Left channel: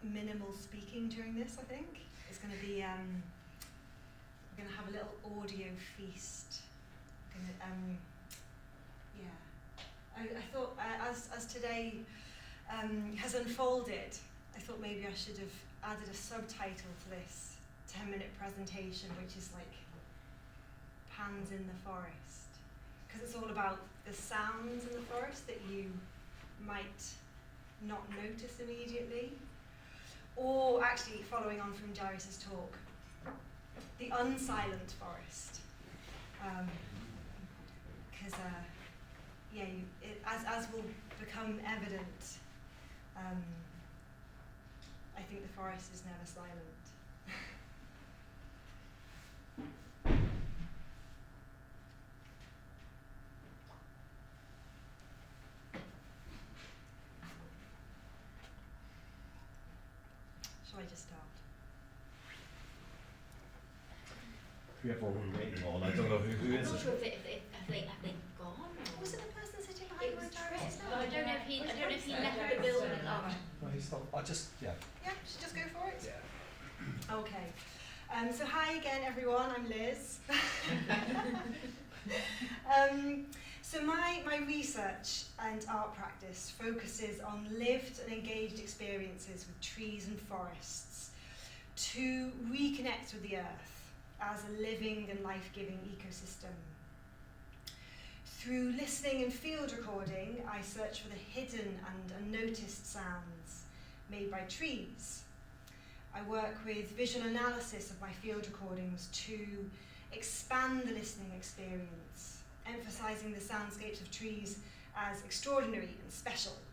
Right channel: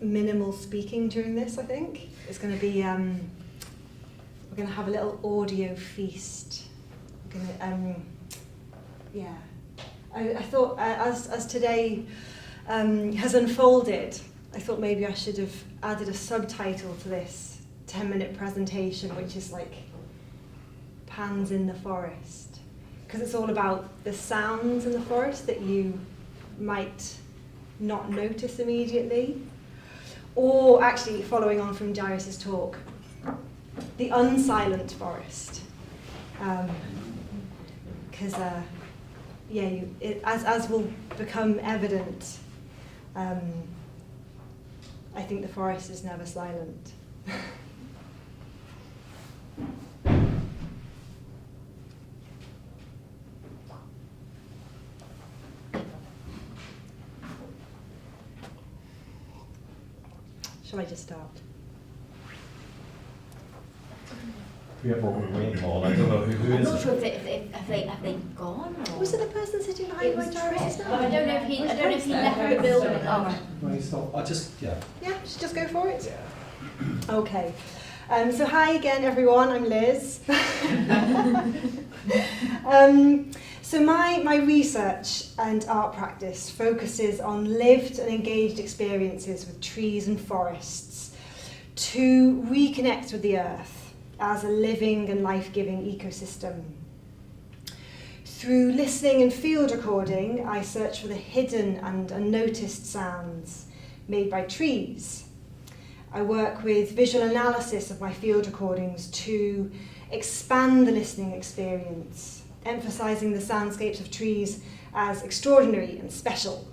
minimal speaking during this, I think. It's going to be, we're going to have a little audio feast. We're going to, I thought as today has unfolded, I thought maybe I should have added a subtitle to this 10-minute presentation, which is like Pans in the Forest, because it's all about the sounds in the forest that you might not notice immediately, or actually following on from Jairus's talk, the unsilent forest, because as will become evident, I think the forest is never silent. Shall I just start? We have what we're waiting for. I don't know who I'm is not it. sure if they've gone. Or Was it the person sitting behind my Jairus? I don't know if he left the building. Oh. No, he's not. I just, yeah. Yeah, should just go for it? Yeah. Okay. So hi again, everyone. I'm Liz. So my research and art practice focuses on lived and engaged experiences with trees and forests to reconnect with the earth as a living and life-giving ecosystem. Through listening and field recording, I search for the hidden and unnoticed sounds made by trees. I work with visual analysis of my field recordings to expand the listening experience, emphasising the soundscapes of trees as extraordinary and special.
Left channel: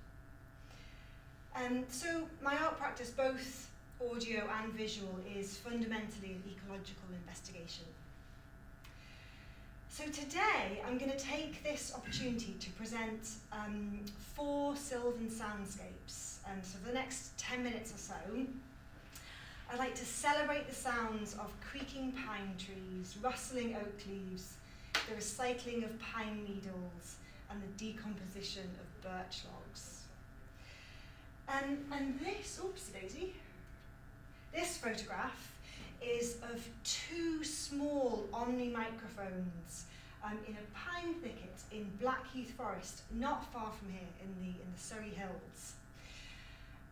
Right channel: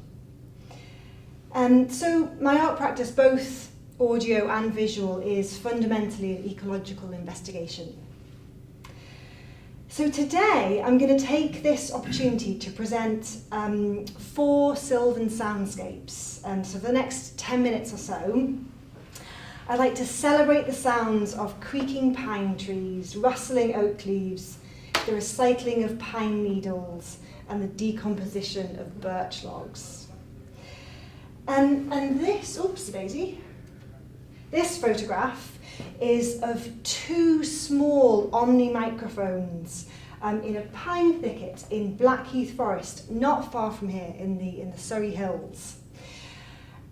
So my art practice, both audio and visual, is fundamentally an ecological investigation. So today I'm going to take this opportunity to present 4 sylvan soundscapes. So for the next 10 minutes or so, I'd like to celebrate the sounds of creaking pine trees, rustling oak leaves, the recycling of pine needles, and the decomposition of birch logs. And this, oops daisy, this photograph is of 2 small Omni microphones in a pine thicket in Blackheath Forest, not far from here in the Surrey Hills.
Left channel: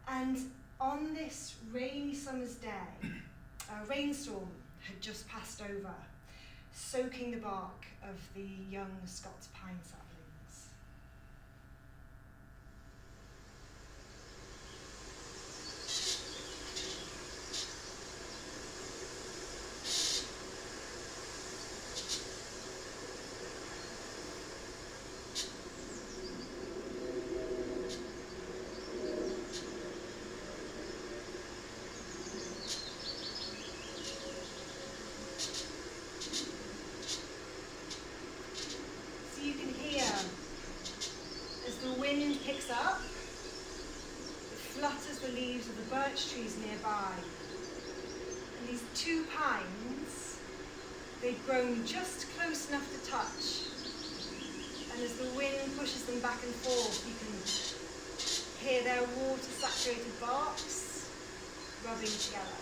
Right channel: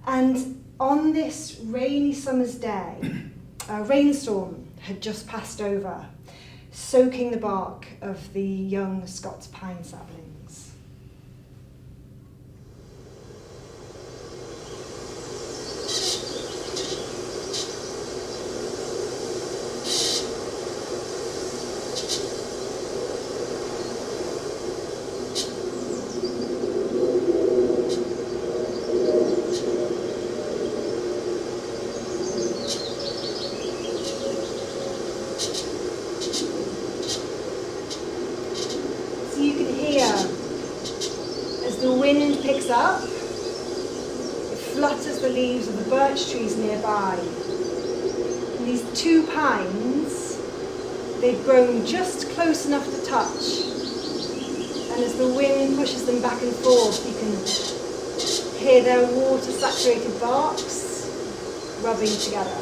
And on this rainy summer's day, a rainstorm had just passed over, soaking the bark of the young Scots pine saplings. Up, it flutters the leaves of the birch trees nearby. And these 2 pines, they've grown just close enough to touch. And as the wind pushes them back and forth, you can hear their water-saturated barks rubbing together.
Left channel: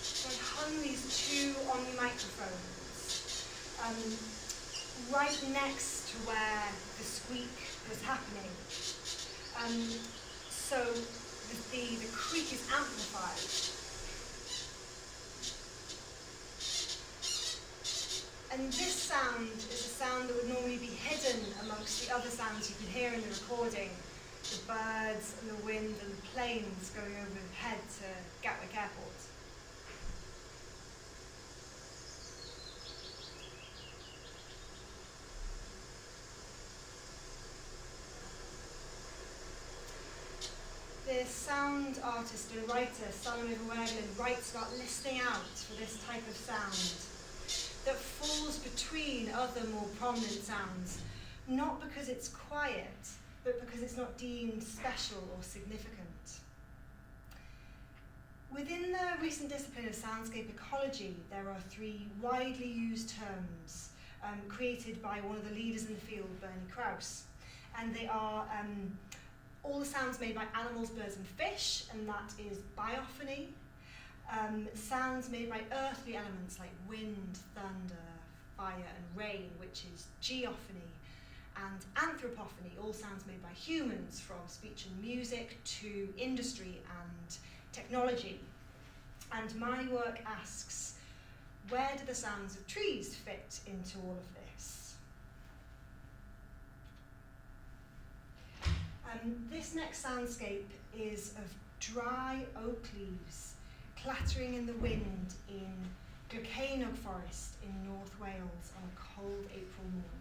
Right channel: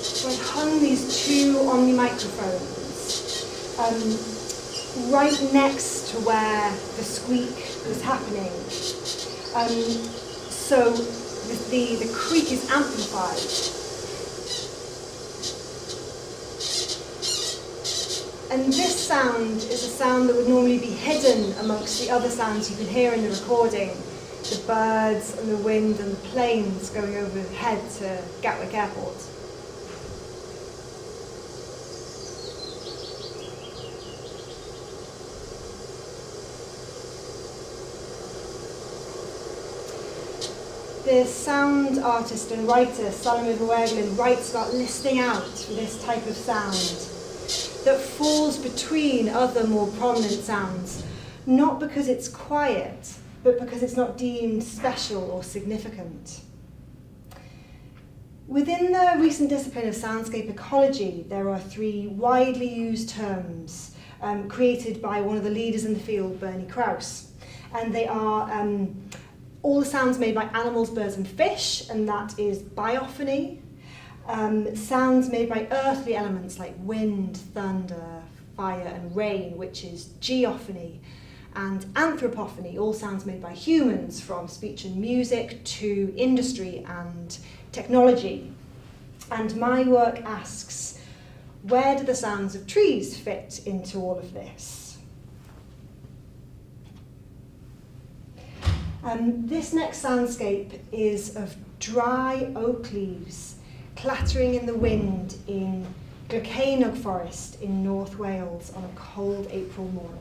So I hung these 2 Omni microphones right next to where the squeak was happening. So the creak is amplified. And this sound is a sound that would normally be hidden amongst the other sounds you can hear in the recording. The birds and the wind and the planes going overhead to Gatwick Airport. The sound artist and writer Salome Verwergelen writes about listening out for this type of sound. that falls between other more prominent sounds, not because it's quiet, but because it's not deemed special or significant. Within the recent discipline of soundscape ecology, there are 3 widely used terms created by one of the leaders in the field, Bernie Krause. And they are all the sounds made by animals, birds and fish, and that is biophony. Sounds made by earthly elements like wind, thunder, fire and rain, which is geophony. And anthropophony, all sounds made by humans, from speech and music to industry and technology. And my work asks, where do the sounds of trees fit into all of this? This next soundscape is of dry oak leaves clattering in the wind in Glycaenog forest in North Wales on a cold April morning.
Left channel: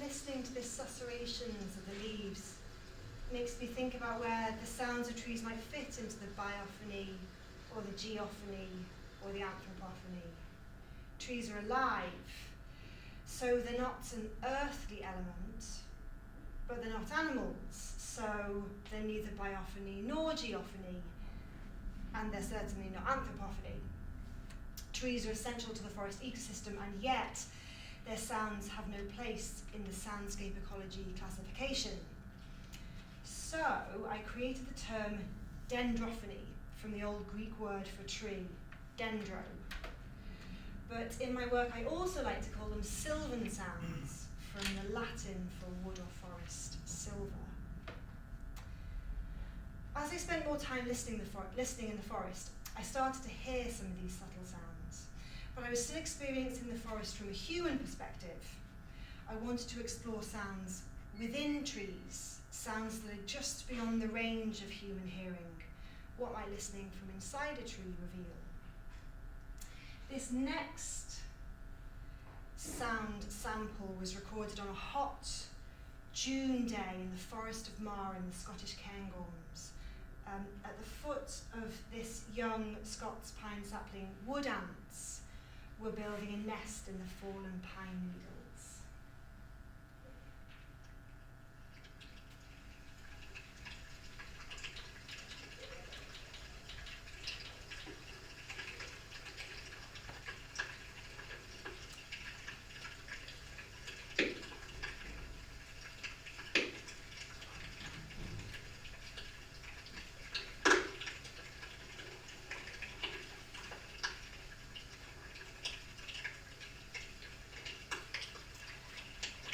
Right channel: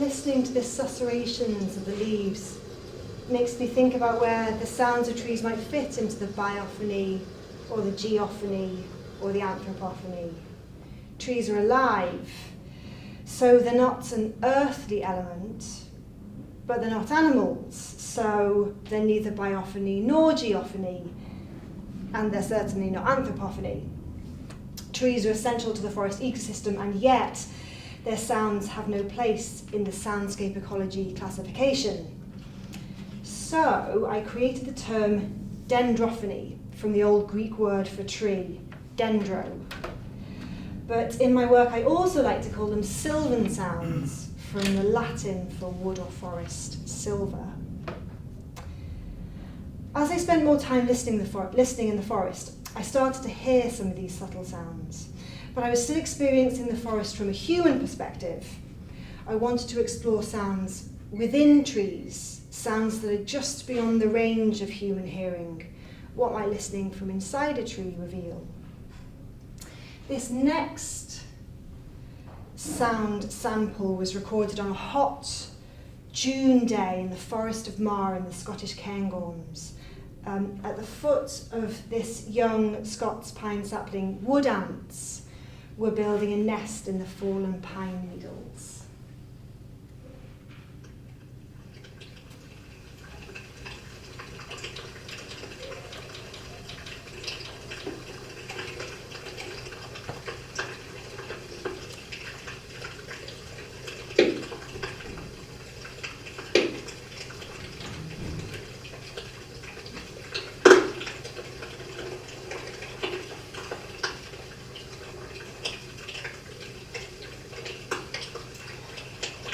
Listening to the susurrations of the leaves makes me think about where the sounds of trees might fit into the biophony or the geophony or the anthropophony. Trees are alive, so they're not an earthly element, but they're not animals, so they're neither biophony nor geophony, and they're certainly not anthropophony. Trees are essential to the forest ecosystem, and yet their sounds have no place in the soundscape ecology classification. So I created the term dendrophony from the old Greek word for tree, dendro. But in my work I also like to call them sylvan sounds, from the Latin for wood or forest, silva. As I spent more time listening in the forest, I started to hear some of these subtle sounds. But I was still experiencing the forest from a human perspective. I wanted to explore sounds within trees, sounds that are just beyond the range of human hearing. What might listening from inside a tree reveal? This next sound sample was recorded on a hot June day in the Forest of Marr in the Scottish Cairngorms. At the foot of this young Scots pine sapling, wood ants were building a nest in the fallen pine needles.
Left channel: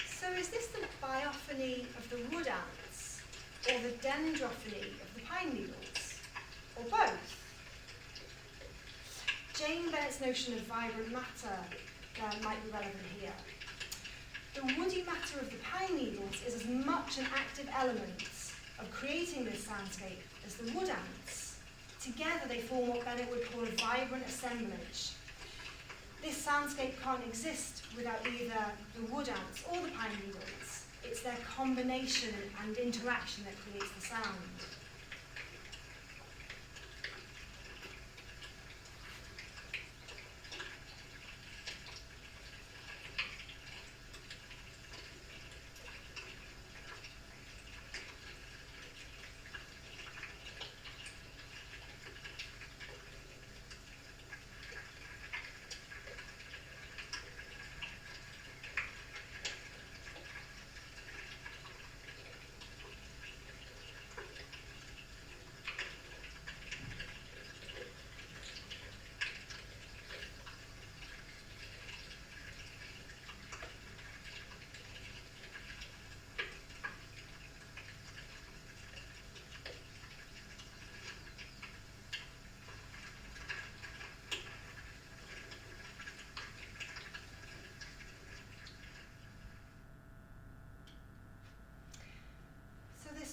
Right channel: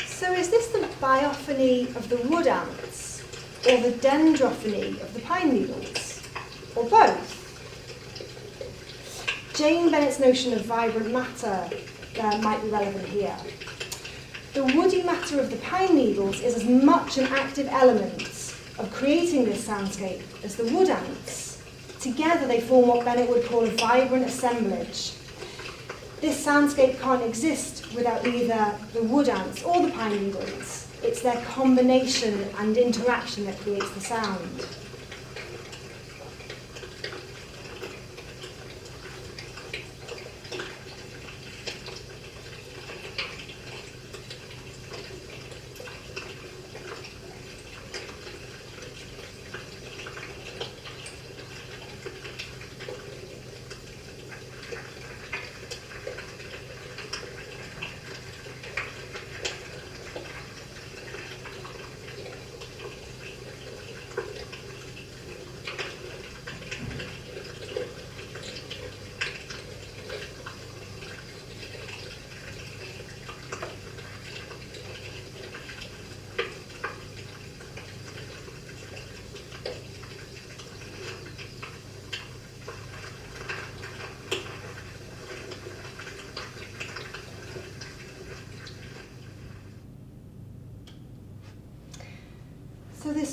So is this the biophony of the wood ants, or the dendrophony of the pine needles, or both? Jane Bennett's notion of vibrant matter might be relevant here. The woody matter of the pine needles is as much an active element of creating this soundscape as the wood ants. Together they form what Bennett would call a vibrant assemblage. This soundscape can't exist without either the wood ants or the pine needles. It's their combination and interaction that creates the sound.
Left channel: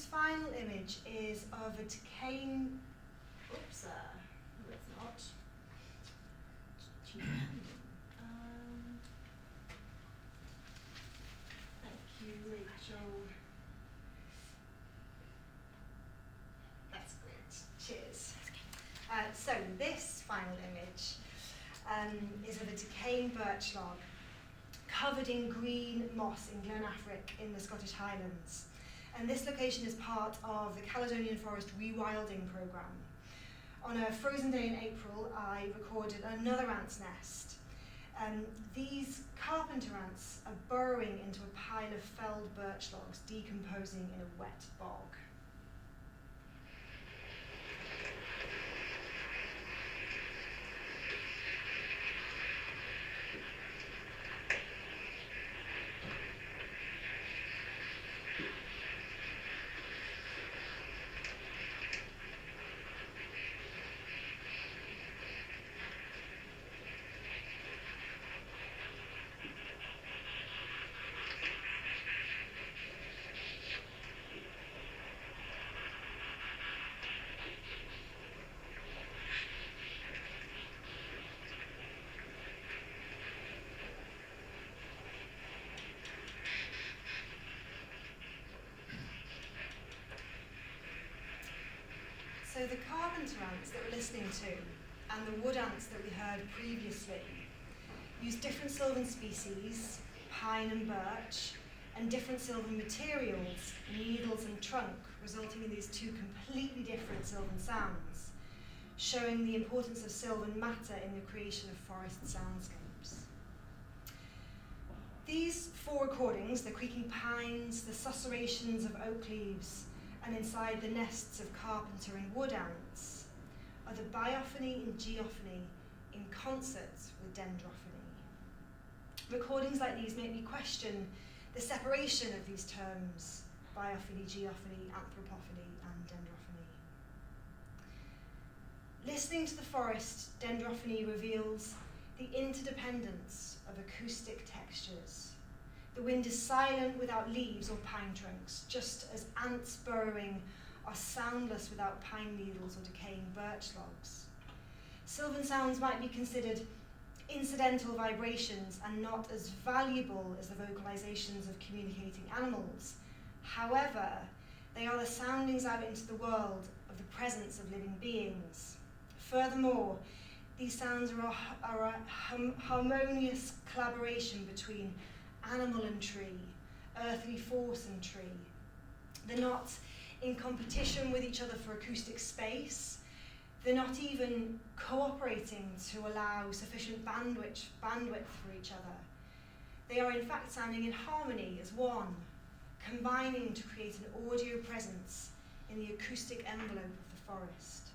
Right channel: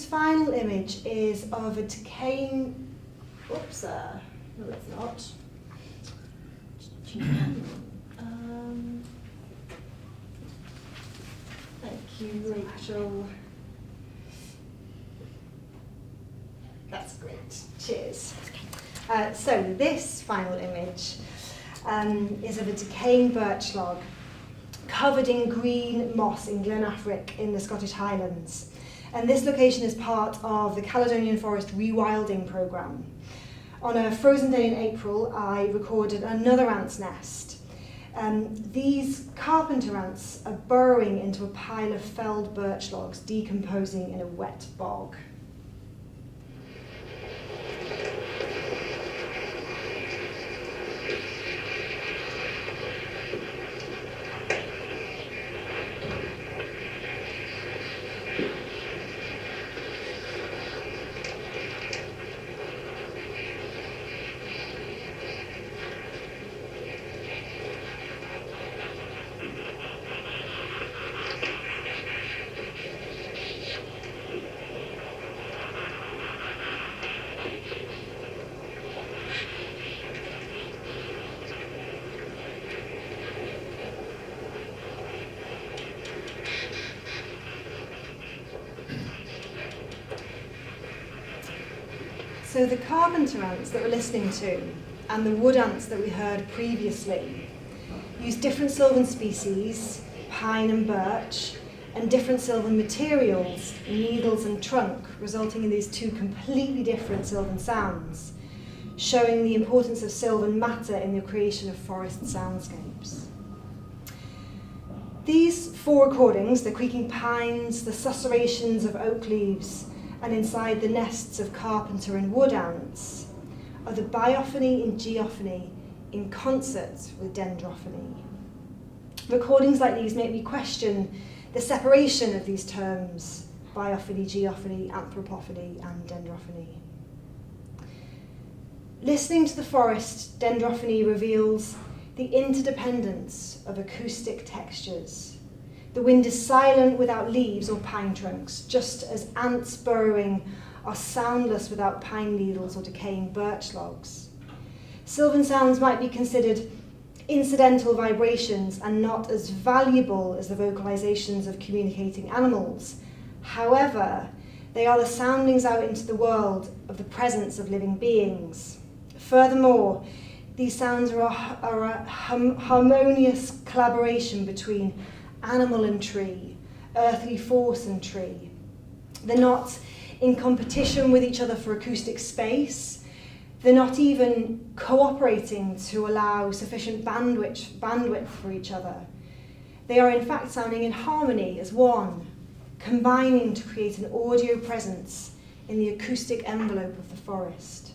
final image is of a decaying, oops, no it's not. Thank you, Rachel. That's great, cheers. So this final image is of a decaying birch log covered in green moss in Glenafric in the Scottish Highlands. And this location is part of the Caledonian Forest Rewilding Programme. On a frozen day in April, I recorded another ant's nest. These carpenter ants are burrowing into a pile of felled birch logs, decomposing in a wet bog. So the carpenter ants that we're listening to and the wood ants that we heard previously use different sylvan species, pine and birch, and different sylvan materials, needles and trunk, resulting in these two completely different sylvan sounds, showing the importance of sylvan matter in the creation of forest soundscapes. These 4 recordings, the creaking pines, the susurrations of oak leaves, and inside the nests of carpenter and wood ants, are the biophony and geophony in concert with dendrophony. Recordings like these make me question the separation of these terms, biophony, geophony, anthropophony, and dendrophony. Listening to the forest, dendrophony reveals the interdependence of acoustic textures. The wind is silent without leaves or pine trunks, just as ants burrowing are soundless without pine needles or decaying birch logs. Sylvan sounds might be considered incidental vibrations and not as valuable as the vocalizations of communicating animals. However, they are the soundings out into the world of the presence of living beings. Furthermore, these sounds are a harmonious collaboration between animal and tree, earthly force and tree. They're not in competition with each other for acoustic space. They're not even cooperating to allow sufficient bandwidth for each other. They are in fact sounding in harmony as one, combining to create an audio presence in the acoustic envelope of the forest.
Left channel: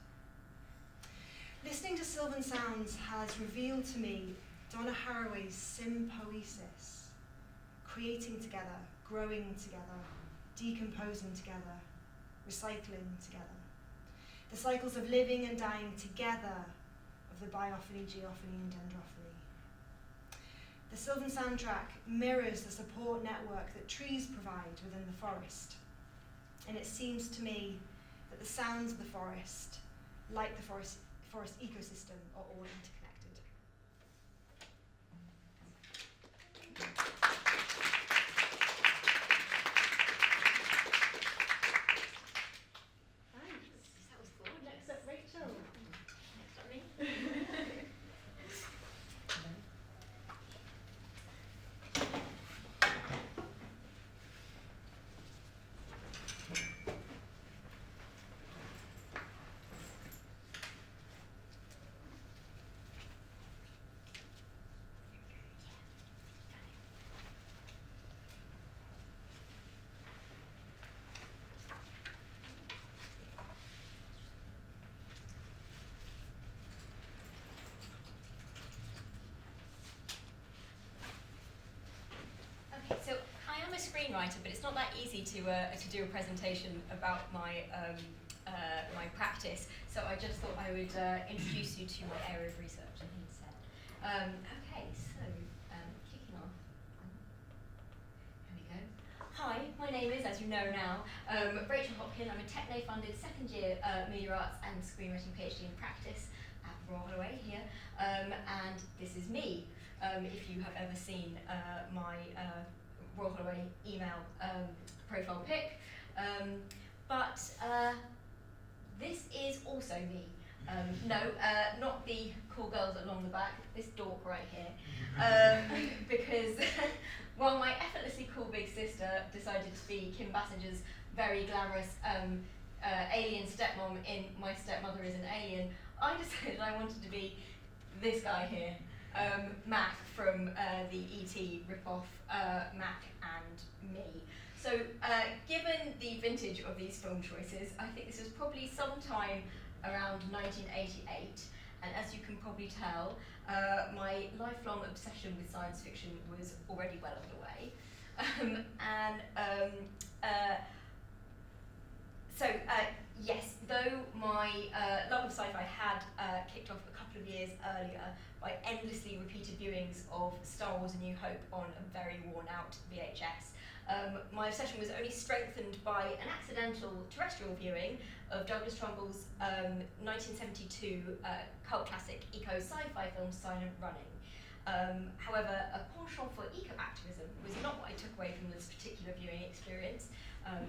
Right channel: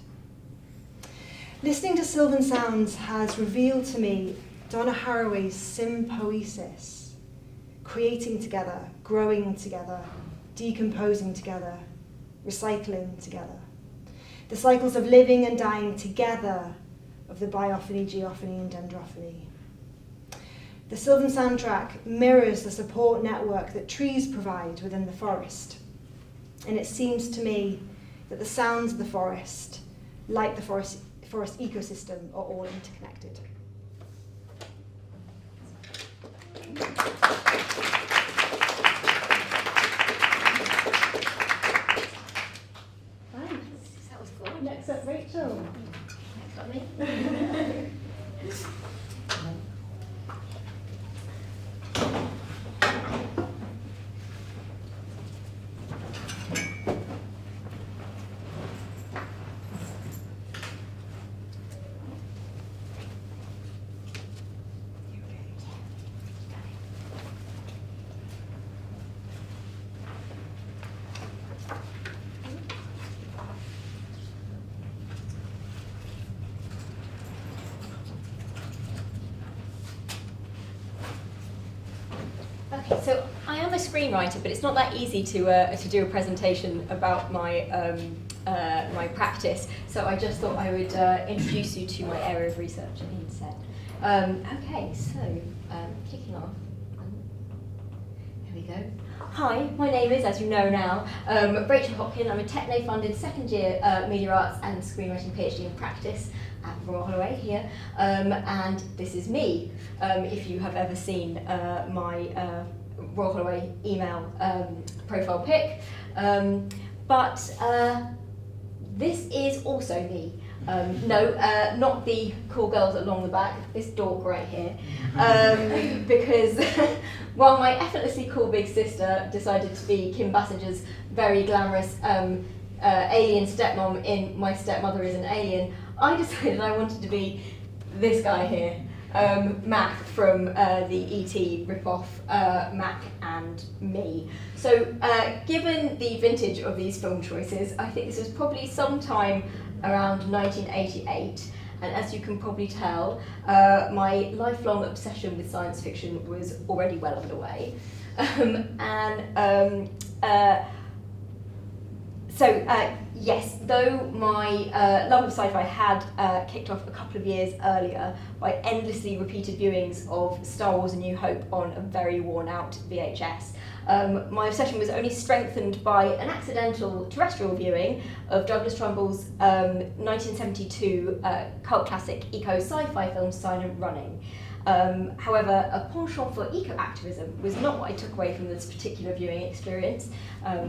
Listening to sylvan sounds has revealed to me Donna Haraway's sympoiesis, creating together, growing together, decomposing together, recycling together. The cycles of living and dying together of the biophony, geophony, and dendrophony. The sylvan soundtrack mirrors the support network that trees provide within the forest. And it seems to me that the sounds of the forest, like the forest ecosystem, are all interconnected. That was good. Next up, Rachel. Next up, me. Okay, so I am a screenwriter, but it's not that easy to do a presentation about my my practice. So I just thought I would introduce you to my area of research instead. Okay, so kicking off. Here we go. Hi, my name is, as you know now, Rachel Hopkin. I'm a TECHNE funded second year Media Arts and Screenwriting PhD in practice at Royal Holloway here, and this is me, if you have ever seen my Royal Holloway email profile pic. But this is also me. Not the cool girls along the back, this dork right here. Because while my effortlessly cool big sister decided to be Kim Basinger's very glamorous alien stepmom in My Stepmother is an Alien, I decided I wanted to be this guy here, Mac from the E.T. ripoff, Mac and Me. So given the vintage of these film choices, I think this was probably sometime around 1988, and as you can probably tell, my lifelong obsession with science fiction was already well underway. Yes, though my love of sci-fi had kicked off a couple of years earlier by endlessly repeated viewings of Star Wars: A New Hope on a very worn-out VHS, my obsession was only strengthened by an accidental terrestrial viewing of Douglas Trumbull's 1972 cult classic eco-sci-fi film Silent Running. However, a penchant for eco-activism was not what I took away from this particular viewing experience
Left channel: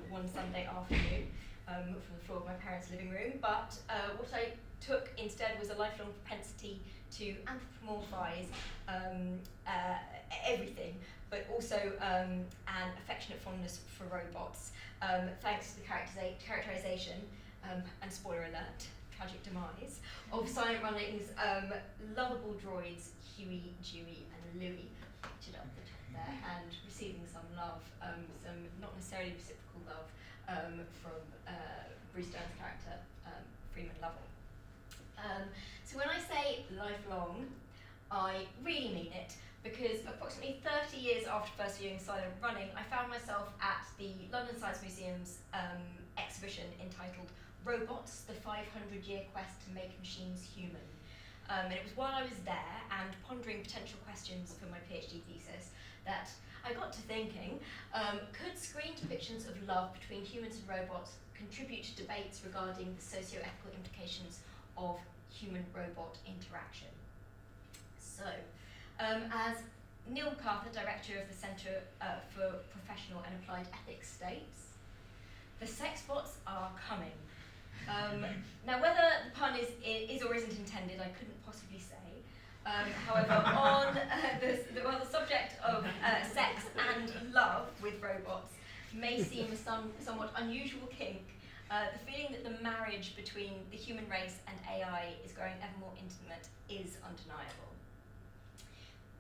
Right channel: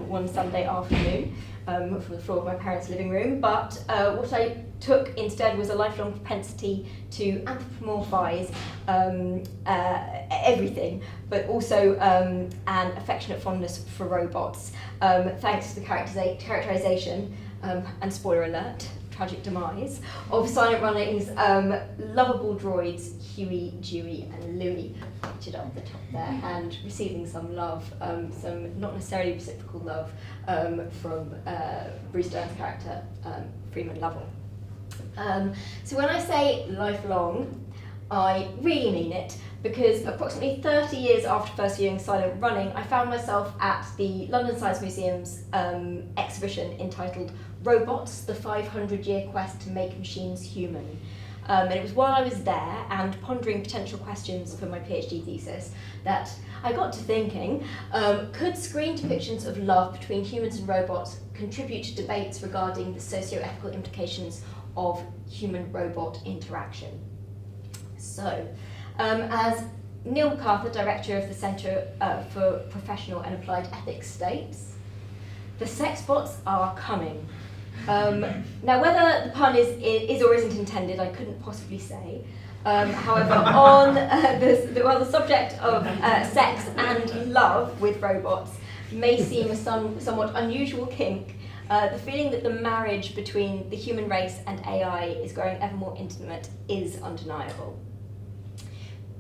one Sunday afternoon from the floor of my parents' living room, but what I took instead was a lifelong propensity to anthropomorphise everything, but also an affectionate fondness for robots, thanks to the characterisation, and spoiler alert, tragic demise, of Silent Running's lovable droids Huey, Dewey and Louie, pictured up the top there, and receiving some love, some not necessarily reciprocal love, from Bruce Dern's character, Freeman Lovell. So when I say lifelong, I really mean it, because approximately 30 years after first viewing Silent Running, I found myself at the London Science Museum's exhibition entitled Robots, the 500-Year Quest to Make Machines Human. And it was while I was there and pondering potential questions for my PhD thesis that I got to thinking, could screen depictions of love between humans and robots contribute to debates regarding the socio-ethical implications of human-robot interaction? So, as Neil MacArthur, director of the Centre for Professional and Applied Ethics, states, the sex bots are coming. Now, whether the pun is or isn't intended, I couldn't possibly say. However, on the subject of sex and love with robots may seem a somewhat unusual kink, the feeling that the marriage between the human race and AI is growing ever more intimate is undeniable.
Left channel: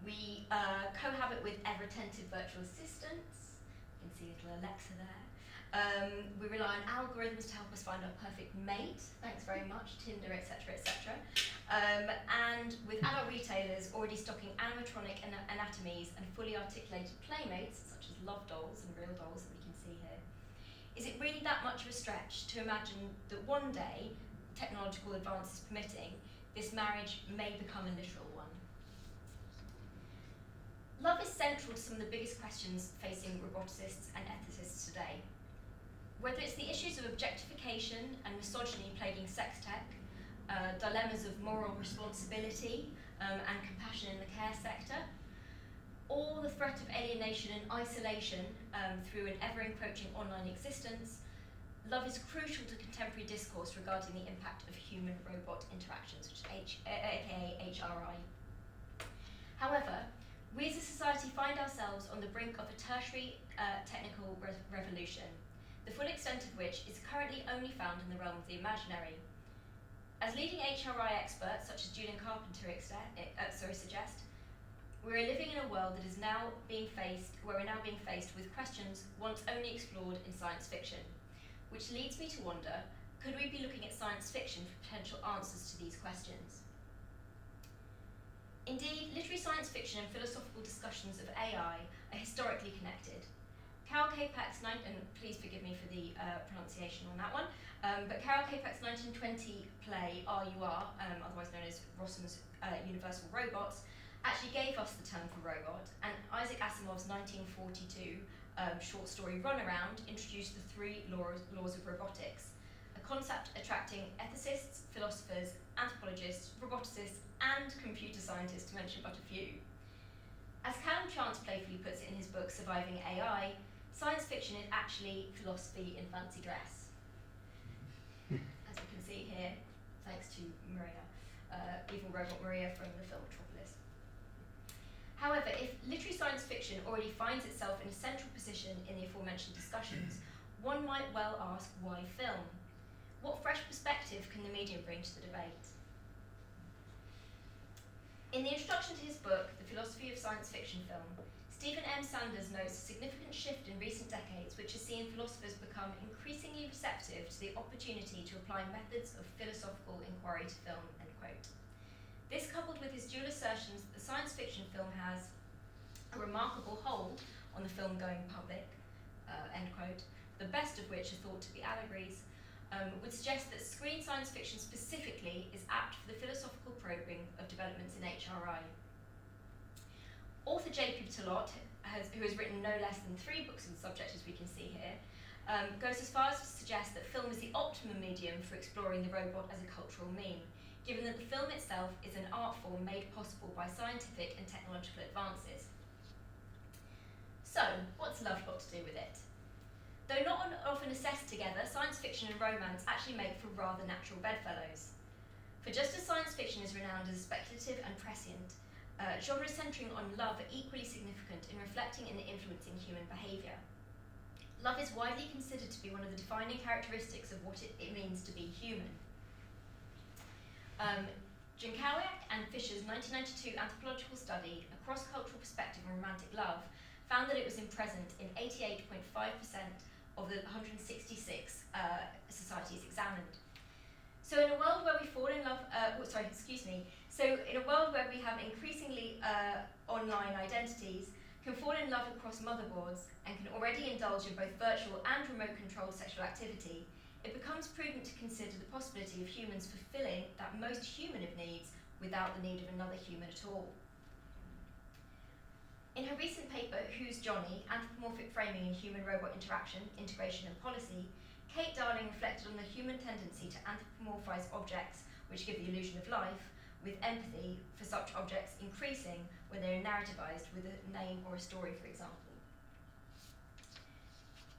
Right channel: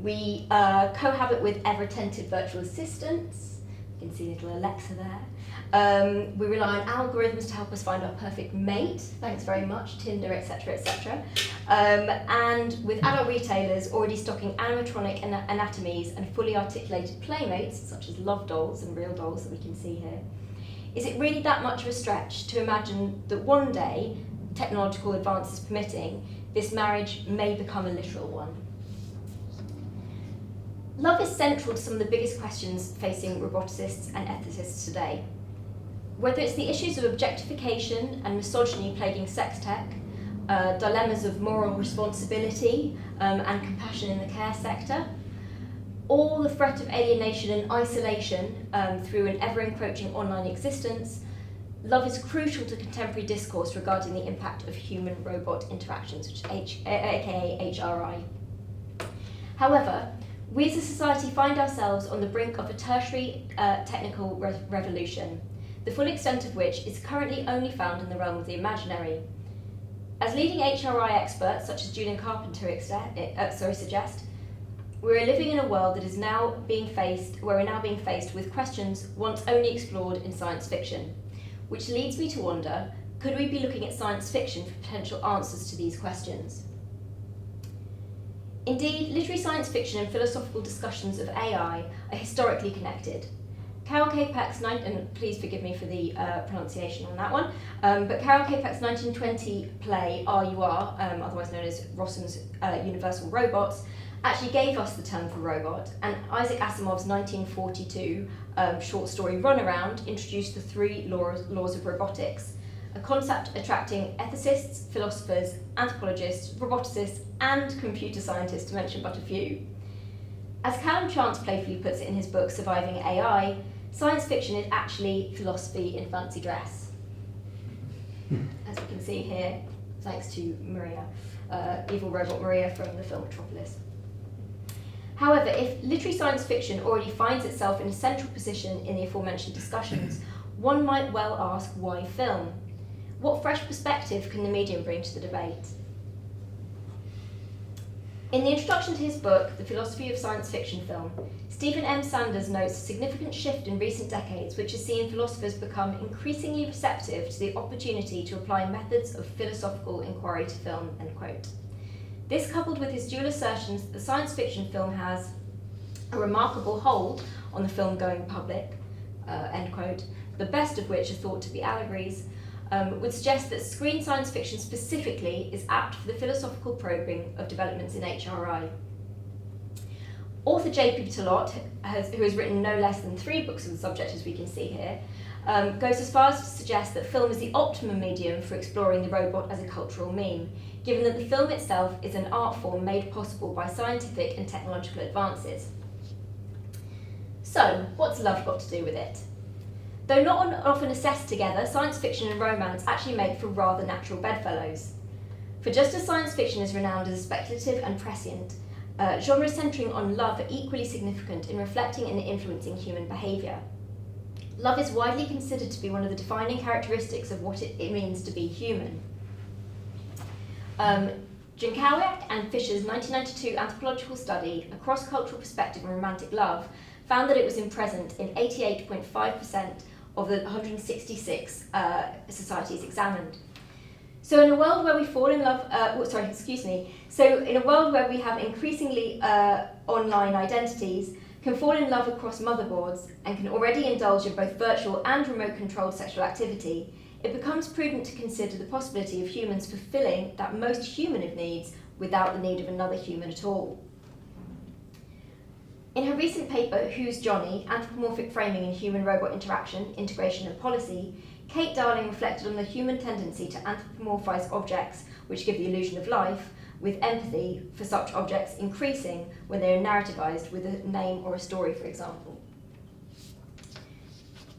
We cohabit with ever-attentive virtual assistants. You can see little Alexa there. We rely on algorithms to help us find our perfect mate, thanks very much, Tinder, etc., etc. And with adult retailers already stocking animatronic anatomies and fully articulated playmates, such as love dolls and real dolls that we can see here, is it really that much of a stretch to imagine that one day, technological advances permitting, this marriage may become a literal one? Love is central to some of the biggest questions facing roboticists and ethicists today. Whether it's the issues of objectification and misogyny plaguing sex tech, dilemmas of moral responsibility and compassion in the care sector, or the threat of alienation and isolation through an ever-encroaching online existence, love is crucial to contemporary discourse regarding the impact of human-robot interactions, which is aka HRI. However, we as a society find ourselves on the brink of a tertiary technical revolution, the full extent of which is currently only found in the realm of the imaginary. As leading HRI experts, such as Julian Carpenter suggest, we're living in a world that is now being faced with questions once only explored in science fiction, which leads me to wonder, could we be looking at science fiction for potential answers to these questions? Indeed, literary science fiction and philosophical discussions of AI are historically connected. Carol Capek's, and please forgive me for the pronunciation on that one, but Carol Capek's 1920 play R.U.R., otherwise known as Rossum's Universal Robots, actually gave us the term for robot, and Isaac Asimov's 1942 short story Runaround introduced the 3 laws of robotics, a concept attracting ethicists, philosophers, anthropologists, roboticists, and computer scientists, to mention but a few. As Callum Chance playfully puts it in his book Surviving AI, science fiction is actually philosophy in fancy dress. As we can see here, thanks to Maria, evil robot Maria from the film Metropolis. However, if literary science fiction already finds itself in a central position in the aforementioned discussions, one might well ask, why film? What fresh perspective can the medium bring to the debate? In the introduction to his book, The Philosophy of Science Fiction Film, Stephen M. Sanders notes a significant shift in recent decades which has seen philosophers become increasingly receptive to the opportunity to apply methods of philosophical inquiry to film, end quote. This, coupled with his dual assertions that the science fiction film has a remarkable hold on the film-going public, end quote, the best of which are thought to be allegories, would suggest that screen science fiction specifically is apt for the philosophical probing of developments in HRI. Author J.P. Talot, who has written no less than 3 books on the subject, as we can see here, goes as far as to suggest that film is the optimum medium for exploring the robot as a cultural meme, given that the film itself is an art form made possible by scientific and technological advances. So, what's love got to do with it? Though not often assessed together, science fiction and romance actually make for rather natural bedfellows. For just as science fiction is renowned as speculative and prescient, genres centering on love are equally significant in reflecting and influencing human behaviour. Love is widely considered to be one of the defining characteristics of what it means to be human. Jankowiak and Fisher's 1992 anthropological study, A Cross-Cultural Perspective on Romantic Love, found that it was present in 88.5% of the 166 societies examined. So in a world where we fall in love, So in a world where we have increasingly online identities, can fall in love across motherboards, and can already indulge in both virtual and remote-controlled sexual activity, it becomes prudent to consider the possibility of humans fulfilling that most human of needs without the need of another human at all. In her recent paper, Who's Johnny? Anthropomorphic Framing in Human-Robot Interaction, Integration and Policy, Kate Darling reflected on the human tendency to anthropomorphise objects which give the illusion of life, with empathy for such objects increasing when they are narrativized with a name or a story, for example.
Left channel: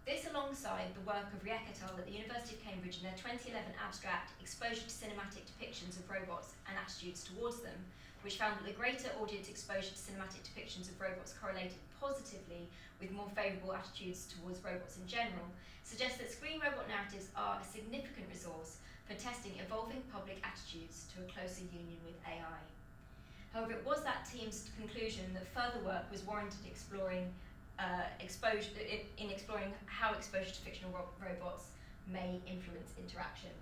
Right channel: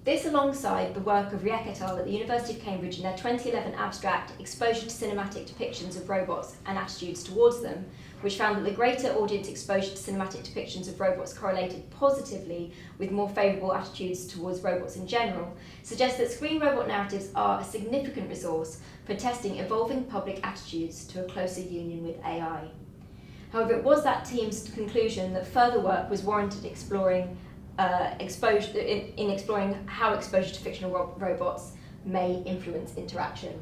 This alongside the work of Riek et al. At the University of Cambridge in their 2011 abstract Exposure to Cinematic Depictions of Robots and Attitudes Towards Them, which found that the greater audience exposure to cinematic depictions of robots correlated positively with more favourable attitudes towards robots in general, suggests that screen robot narratives are a significant resource for testing evolving public attitudes to a closer union with AI. However, it was that team's conclusion that further work was warranted exploring how exposure to fictional robots may influence interaction.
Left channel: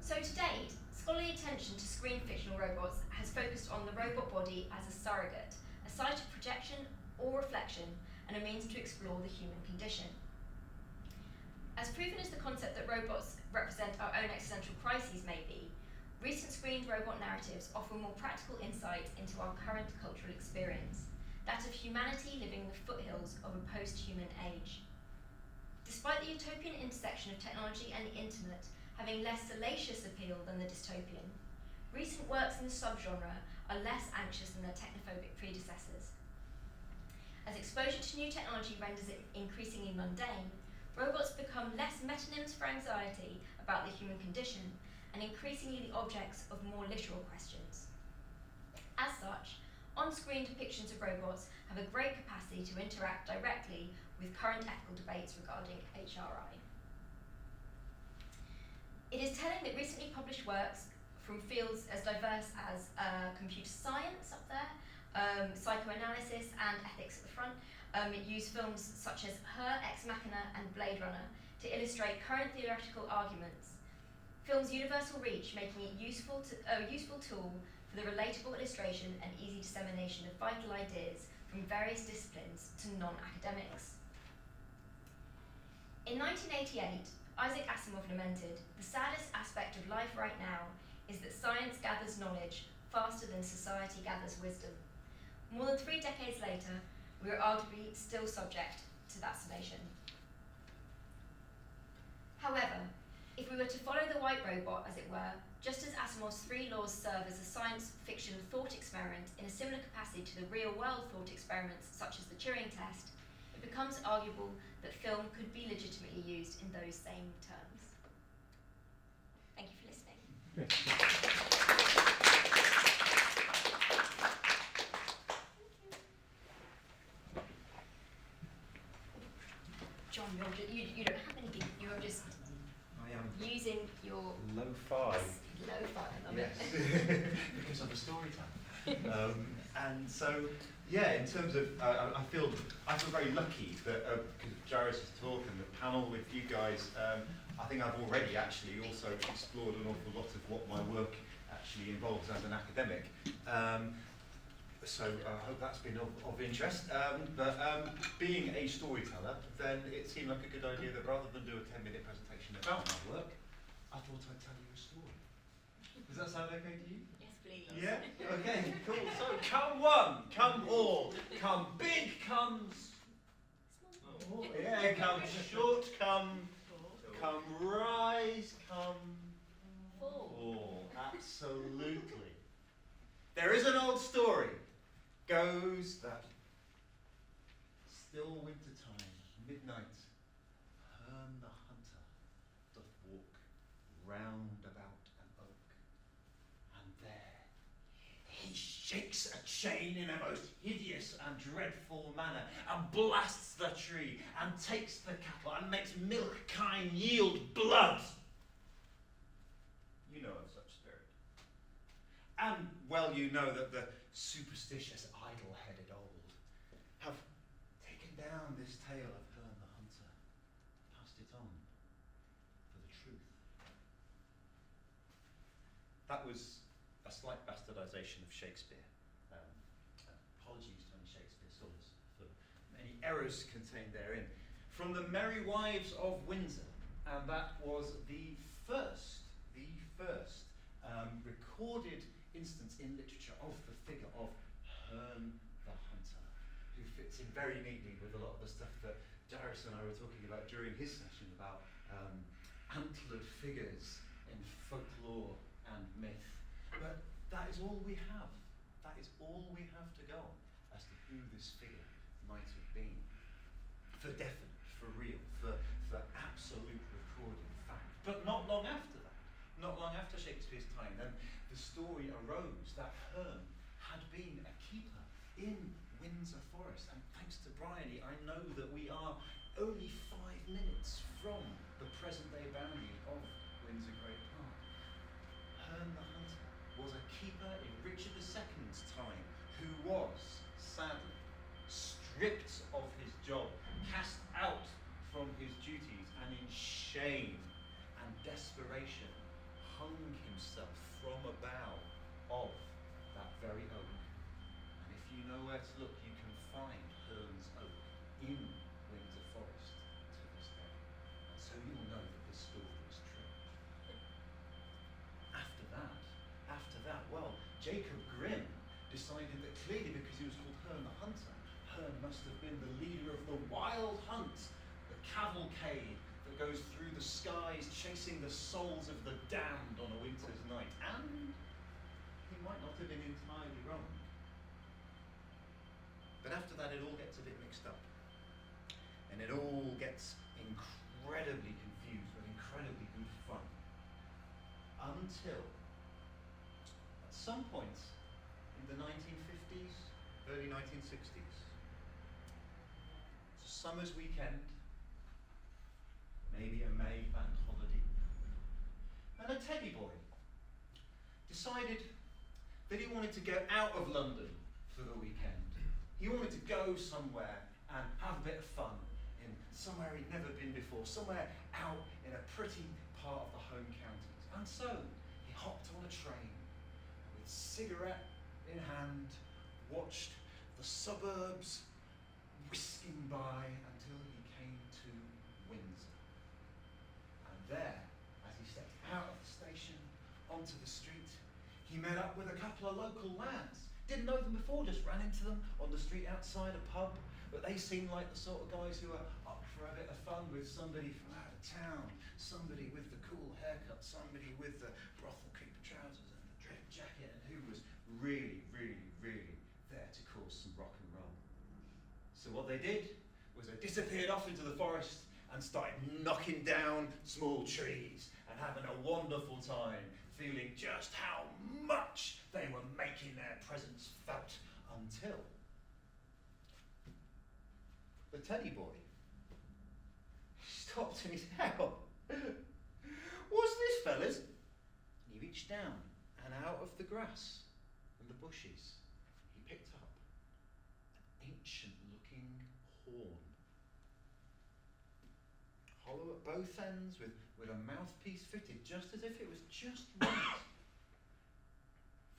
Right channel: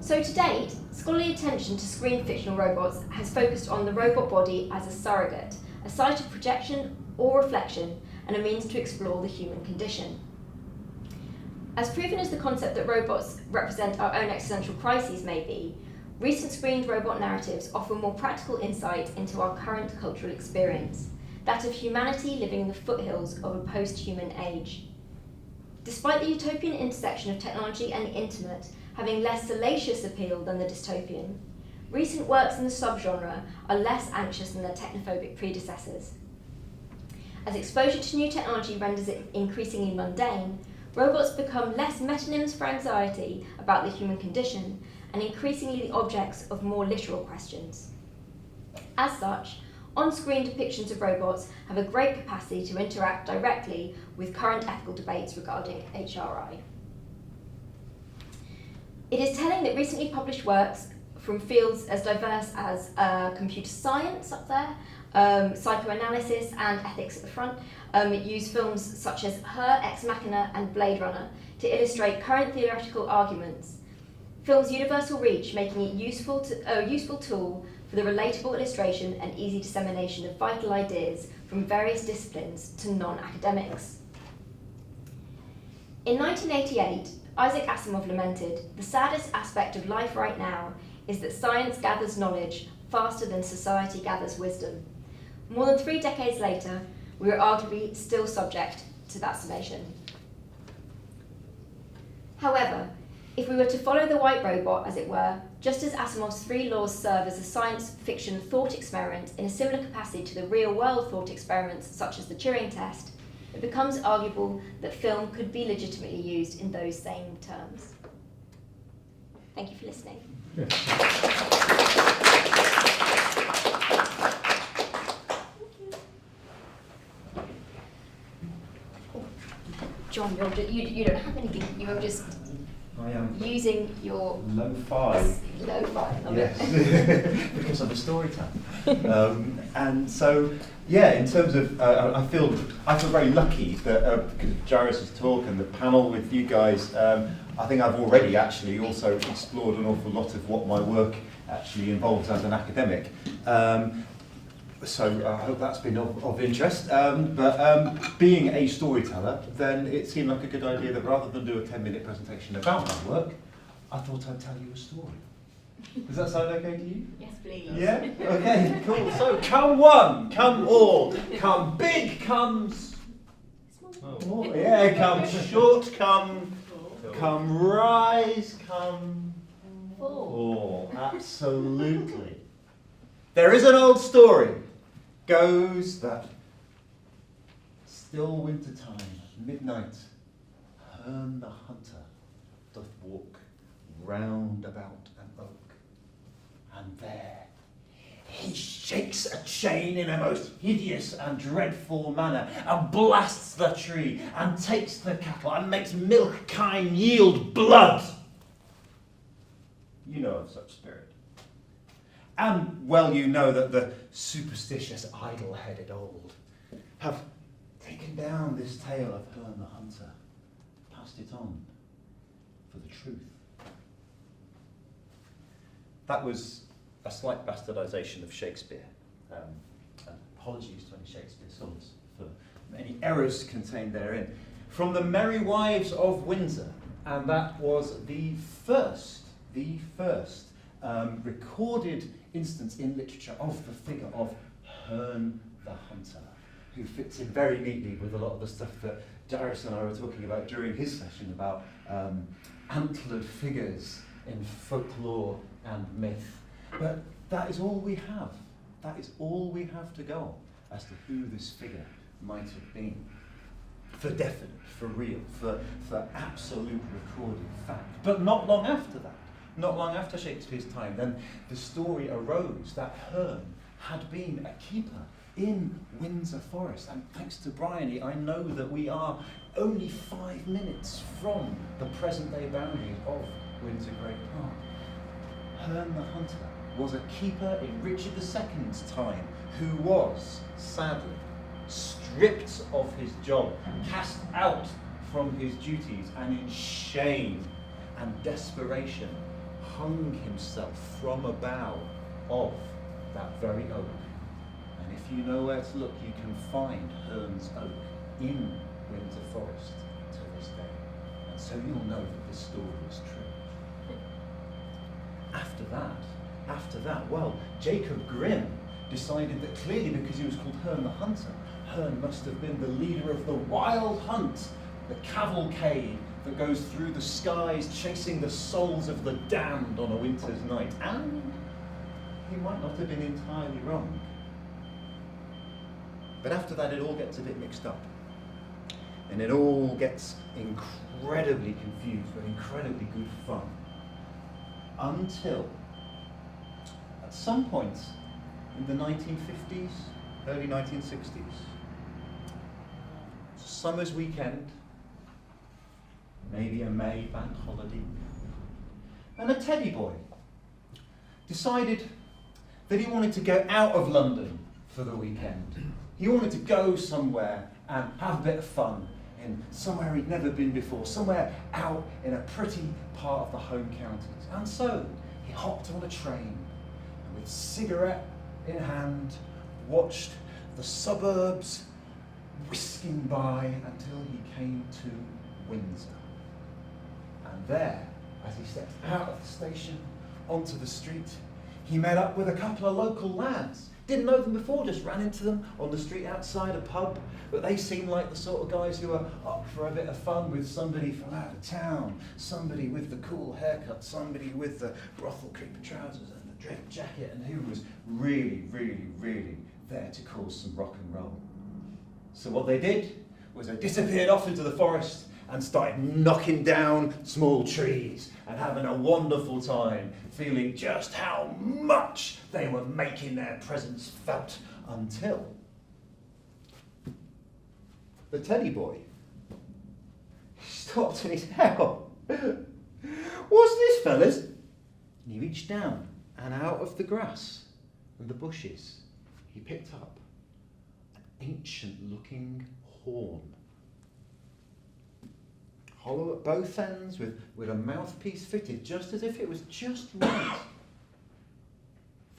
So to date, scholarly attention to screen fictional robots has focused on the robot body as a surrogate, a site of projection or reflection, and a means to explore the human condition. As proven as the concept that robots represent our own existential crises may be, recent screened robot narratives offer more practical insight into our current cultural experience, that of humanity living in the foothills of a post-human age. Despite the utopian intersection of technology and the internet having less salacious appeal than the dystopian, recent works in the subgenre are less anxious than their technophobic predecessors. As exposure to new technology renders it increasingly mundane, robots become less metonyms for anxiety about the human condition and increasingly the objects of more literal questions. As such, on-screen depictions of robots have a great capacity to interact directly with current ethical debates regarding HRI. It is telling that recently published works from fields as diverse as computer science up there, psychoanalysis and ethics at the front, use films such as Her, Ex Machina and Blade Runner to illustrate current theoretical arguments. Films' universal reach making it a useful tool for the relatable illustration and easy dissemination of vital ideas from various disciplines to non-academics. In 1988, Isaac Asimov lamented, "The saddest aspect of life right now is that science gathers knowledge faster than society gathers wisdom. More than 3 decades later, we are arguably still subject to that summation. However, if we were to follow the white robot, as it were, just as Asimov's 3 laws serve as a science fiction thought experiment in a similar capacity to the real-world thought experiments such as the Turing test, it becomes arguable that film could be legitimately used in those same terms. Thank you for listening. John, you don't have anything. You are just I am using your lo-fi. Yes, because I'm a storyteller. And so, yeah, in terms of, I feel very lucky that because of Jairus' talk and the panel with you guys, I think I've already actually also explored an awful lot of what my work actually involves as an academic. So I hope that's been of interest. But being a storyteller, then it seemed like a good idea that rather than do a 10-minute presentation about my work, I thought I'd tell you a story. Does that sound okay to you? yes, please. Yeah? Okay, cool. So come one, come all, come big, come small. Yeah, come short, come rise, come fall. Absolutely. There is an old story, goes that still winter time, midnight, Herne the hunter doth walk round about an oak, and there he shakes a chain in a most hideous and dreadful manner, and blasts the tree, and takes the cattle, and makes milk kine yield blood. You know of such spirit. And well you know that the superstitious, idle-headed old have taken down this tale of Herne the hunter, passed it on for the truth. That was a slight bastardisation of Shakespeare. Apologies to any Shakespeare scholars for many errors contained therein. From the Merry Wives of Windsor, and that was the first recorded instance in literature of the figure of Herne the hunter, who fits in very neatly with a lot of the stuff that Jairus and I were talking about during his session about antlered figures in folklore and myth. But that is all we have. That is all we have to go on as to who this figure might have been. For definite, for real, for absolute recorded fact. But not long after that, not long after Shakespeare's time, then the story arose that Herne had been a keeper in Windsor Forest. And thanks to Bryony, I know that we are only 5 minutes from the present-day boundaries of Windsor Great Park. Herne the hunter was a keeper in Richard II's time, who was, sadly, stripped of his job, cast out from his duties, and in shame and desperation hung himself from a bough of that very oak. And if you know where to look, you can find Herne's oak in Windsor Forest to this day. And so you'll know that this story is true. After that, well, Jacob Grimm decided that clearly because he was called Herne the hunter, Herne must have been the leader of the wild hunt, the cavalcade that goes through the skies chasing the souls of the damned on a winter's night. And he might not have been entirely wrong. But after that, it all gets a bit mixed up. And it all gets incredibly confused, but incredibly good fun. Until, at some point in the 1950s, early 1960s, summer's weekend, maybe a May bank holiday, and a teddy boy decided that he wanted to go out of London for the weekend. He wanted to go somewhere and have a bit of fun in somewhere he'd never been before, somewhere out in a pretty part of the home counties. And so he hopped on a train and with cigarette in hand watched the suburbs whisking by until he came to Windsor. And there, as he stepped out of the station onto the street, he met up with a couple of local lads. Didn't know them before, just ran into them on the street outside a pub. But they seemed like the sort of guys who are up for a bit of fun with somebody from out of town, somebody with the cool haircut, somebody with the brothel creeper trousers and the drip jacket, and who was really, really, really there to cause some rock and roll. So what they did was they disappeared off into the forest and started knocking down small trees and having a wonderful time, feeling just how much they were making their presence felt, until the teddy boy stopped and he said, "Hell, what's this, fellas?" And he reached down, and out of the grass and the bushes, he picked up an ancient-looking horn. Hollow at both ends, with a mouthpiece fitted just as if it was just right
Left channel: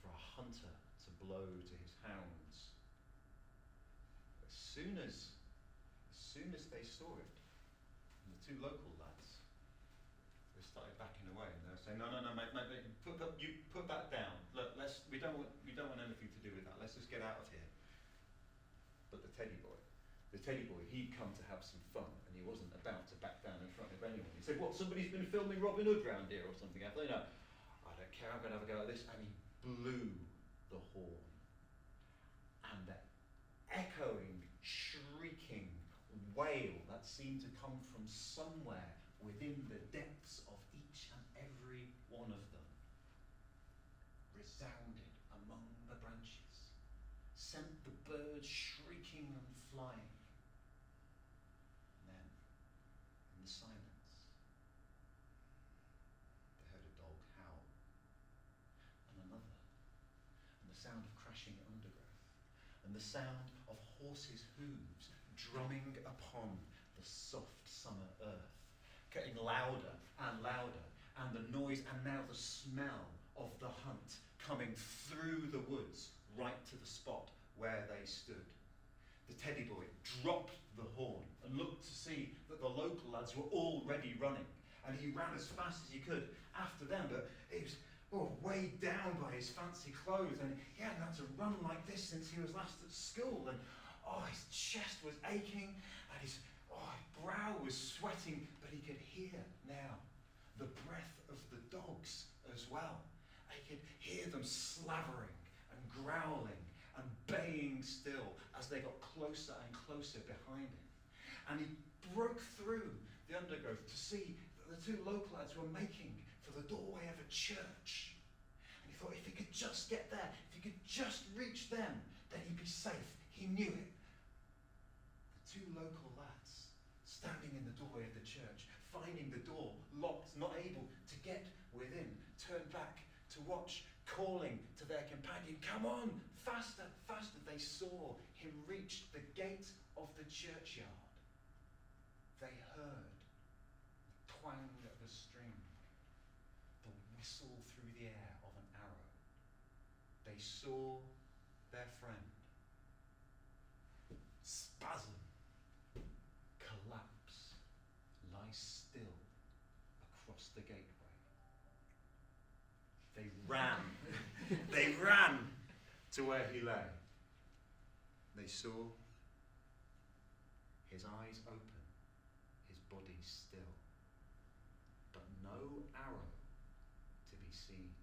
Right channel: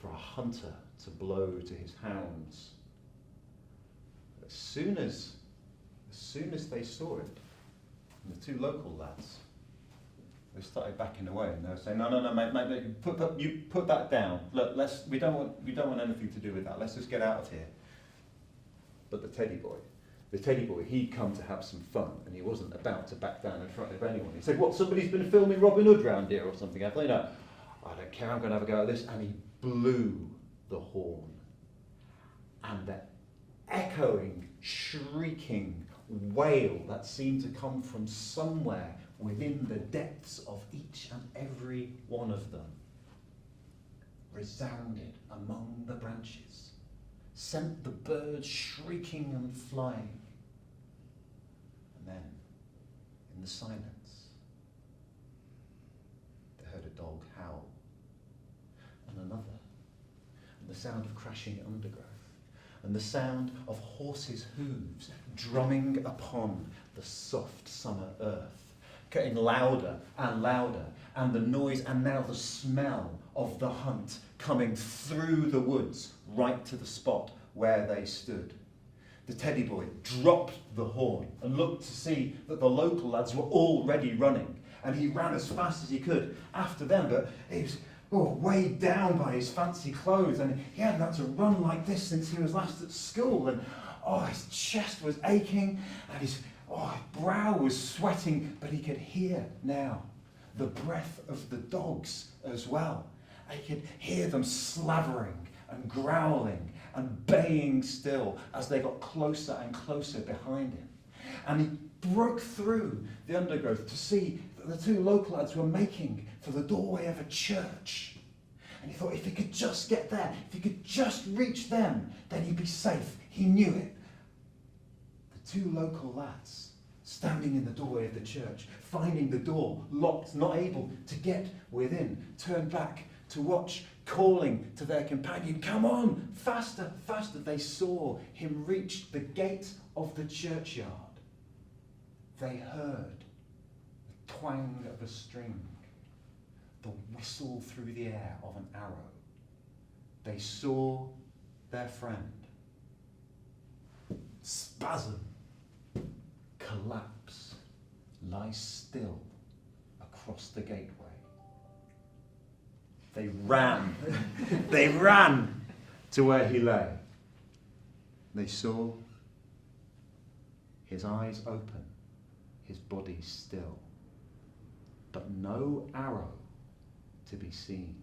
for a hunter to blow to his hounds. As soon as they saw it, and the two local lads, they started backing away, and they were saying, "No, mate, you put that down. Look, we don't want anything to do with that. Let's just get out of here." But the teddy boy, he'd come to have some fun, and he wasn't about to back down in front of anyone. He said, "What, somebody's been filming Robin Hood round here or something? I thought, no, I don't care, I'm going to have a go at this." And he blew the horn. And the echoing, shrieking wail that seemed to come from somewhere within the depths of each and every one of them resounded among the branches, sent the birds shrieking and flying. And then, in the silence, they heard a dog howl, and another, and the sound of crashing undergrowth, and the sound of horses' hooves drumming upon the soft summer earth, getting louder and louder, and the noise, and now the smell of the hunt coming through the woods right to the spot where they stood. The teddy boy dropped the horn and looked to see that the local lads were already running, and he ran as fast as he could after them, but he was weighed down by his fancy clothes, and he hadn't had to run like this since he was last at school, and his chest was aching, and his brow was sweating, but he could hear now the breath of the dogs as well. And he could hear them slavering and growling and baying still as they got closer and closer behind him. And he broke through the undergrowth to see that the two local lads were making for the doorway of a church. And he thought if he could just get there, if he could just reach them, then he'd be safe. He knew it. The two local lads, standing in the doorway of the church, finding the door locked, not able to get within, turned back to watch, calling to their companion, "Come on, faster, faster." They saw him reach the gate of the churchyard. They heard the twang of a string, the whistle through the air of an arrow. They saw their friend spasm, collapse, lie still across the gateway. They ran to where he lay. They saw his eyes open, his body still, but no arrow to be seen,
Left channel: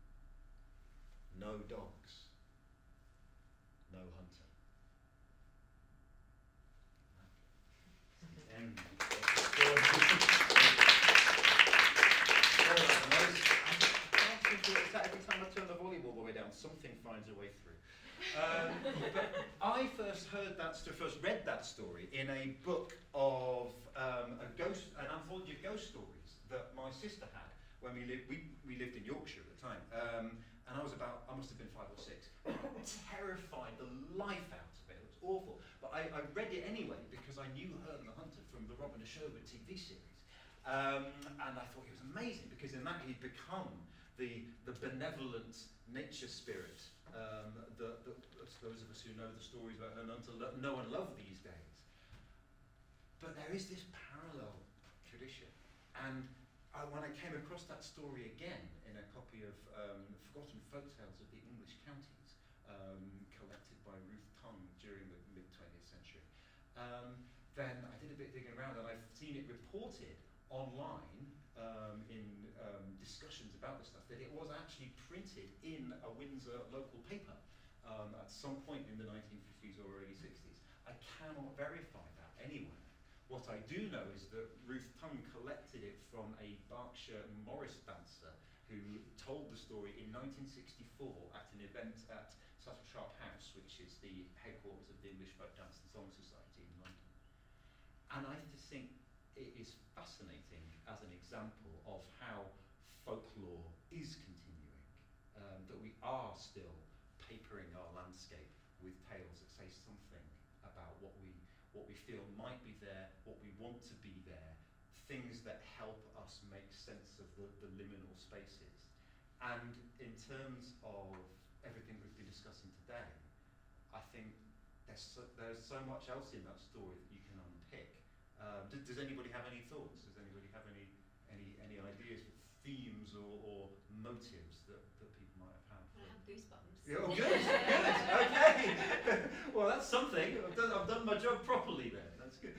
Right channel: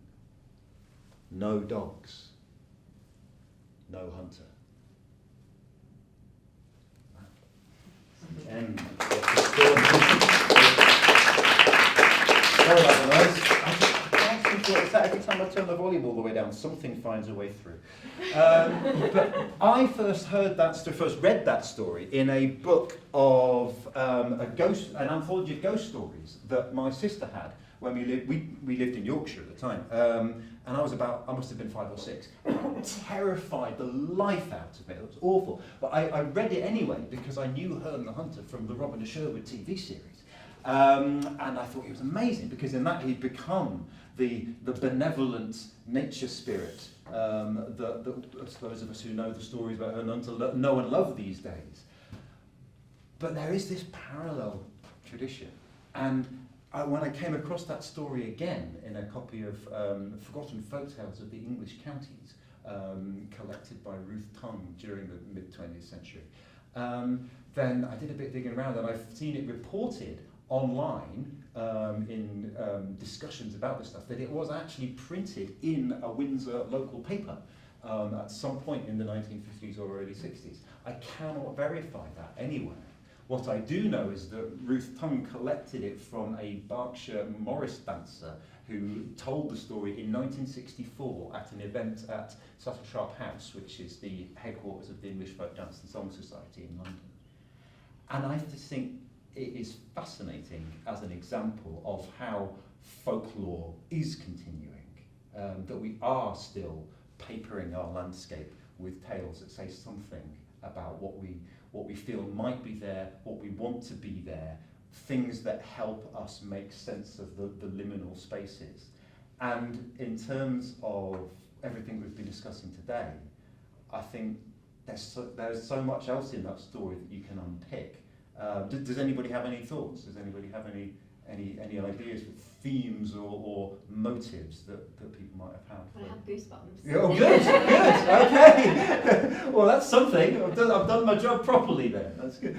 no dogs, no hunter. End of the story. Every time I turn the volume all the way down, something finds a way through. But I first read that story in a book of an anthology of ghost stories that my sister had when we lived in Yorkshire at the time. And I must have been 5 or 6. It terrified the life out of me. It was awful. But I read it anyway because I knew Herne the Hunter from the Robin of Sherwood TV series. And I thought he was amazing because in that he'd become the benevolent nature spirit that those of us who know the stories about Herne the Hunter know and love these days. But there is this parallel tradition. And when I came across that story again in a copy of Forgotten Folktales of the English Counties, collected by Ruth Tongue during the mid-20th century, then I did a bit of digging around, and I've seen it reported online in discussions about this stuff, that it was actually printed in a Windsor local paper at some point in the 1950s or early 60s. I cannot verify that anywhere. What I do know is that Ruth Tongue collected it from a Berkshire Morris dancer who told the story in 1964 at an event at Subtle Sharp House, which is the headquarters of the English Folk Dance and Song Society in London. And I just think it is fascinating as an example of how folklore is continuing, that we are still papering our landscape with tales that say something about what we feel might be there, what we want to be there, things that help us make sense of the liminal spaces. And in terms of everything we've been discussing today, I think there's so much else in that story that you can unpick. Does anybody have any thoughts? Does anybody have any ideas, themes or motives that people might have had? I have goosebumps. Oh, good, good, okay. Well, that's something. I've done my job properly then. That's good.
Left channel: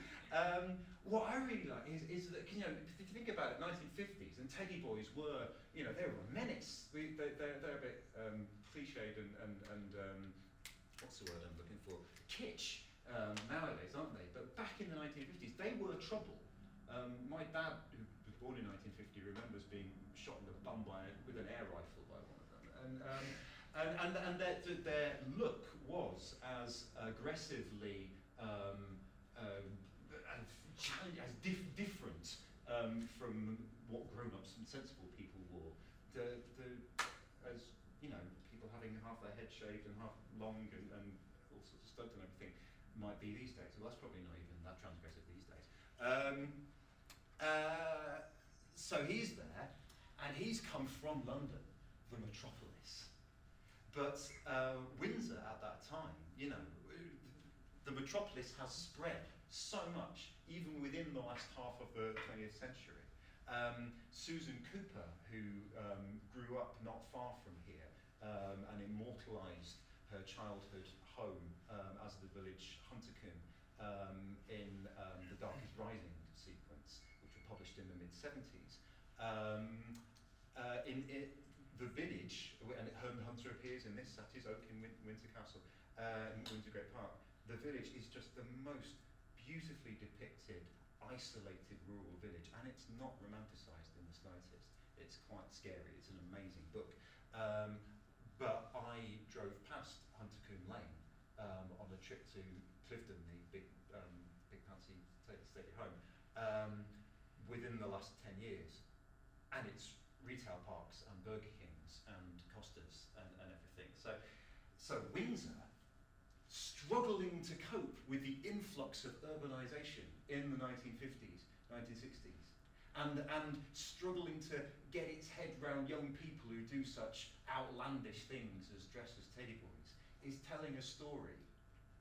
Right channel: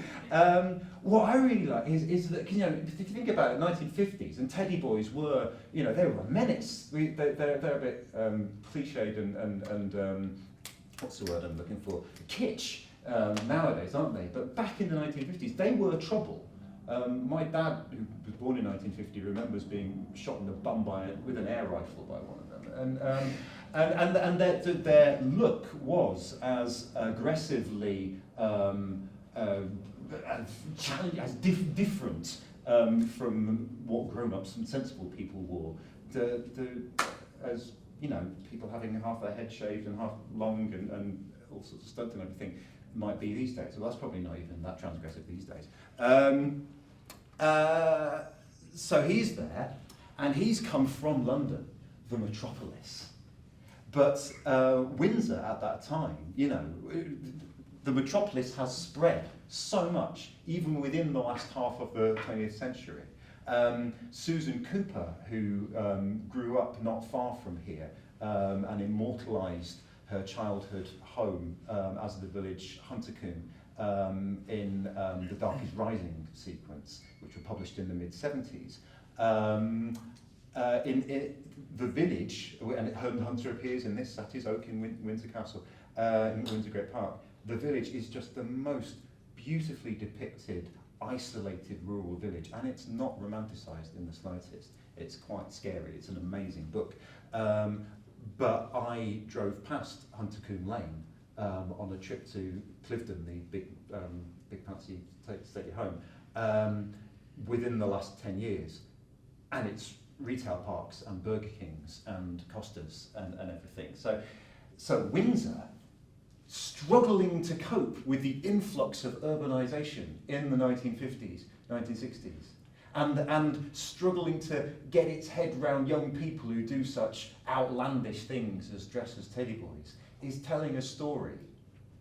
What I really like is that, if you think about it, 1950s, and teddy boys were, they were a menace. They're a bit cliched and what's the word I'm looking for? Kitsch nowadays, aren't they? But back in the 1950s, they were trouble. My dad, who was born in 1950, remembers being shot in the bum with an air rifle by one of them, and their look was as aggressively as different from what grown-ups and sensible people wore. As people having half their head shaved and half long and all sorts of stunts and everything might be these days. Well, that's probably not even that transgressive these days. So he's there, and he's come from London, the metropolis. But Windsor at that time, the metropolis has spread so much, even within the last half of the 20th century. Susan Cooper, who grew up not far from here and immortalised her childhood home as the village Huntercombe in the Dark is Rising sequence, which were published in the mid-70s. The village, and Hunter appears in this, Saty's Oak in Windsor Castle, in Windsor Great Park. The village is just the most beautifully depicted, isolated rural village, and it's not romanticised in the slightest. It's quite scary. It's an amazing book. But I drove past Huntercombe Lane on a trip to Clifton, the big fancy stately home, within the last 10 years, and it's retail parks and Burger Kings and Costas and everything. So Windsor, struggling to cope with the influx of urbanisation in the 1950s, 1960s, and struggling to get its head round young people who do such outlandish things as dress as teddy boys, is telling a story.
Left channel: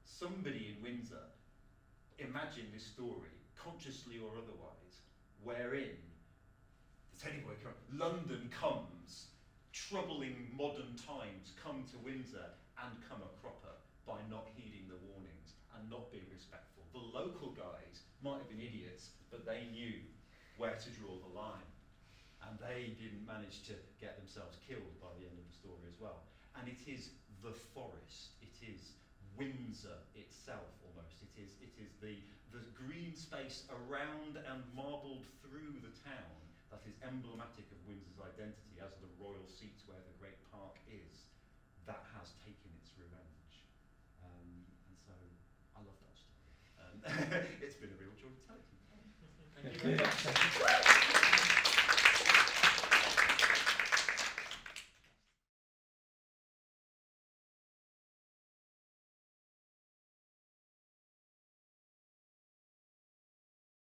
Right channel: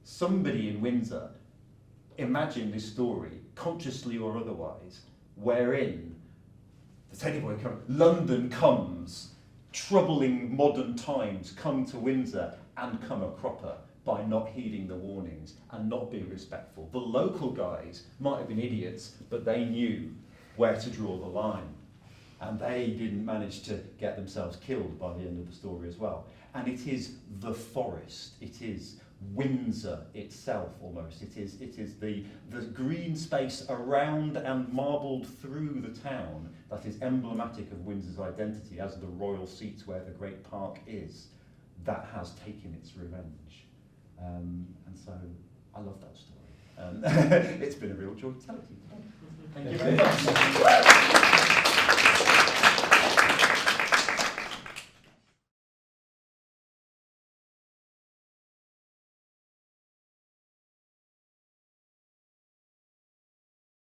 Somebody in Windsor imagined this story, consciously or otherwise, wherein the teddy boy comes, London comes, troubling modern times come to Windsor and come a cropper by not heeding the warnings and not being respectful. The local guys might have been idiots, but they knew where to draw the line. And they didn't manage to get themselves killed by the end of the story as well. And it is the forest, it is Windsor itself almost. It is the green space around and marbled through the town that is emblematic of Windsor's identity as the royal seat where the great park is, that has taken its revenge. And so I love that story. It's been a real joy to tell it to you. Thank you very much.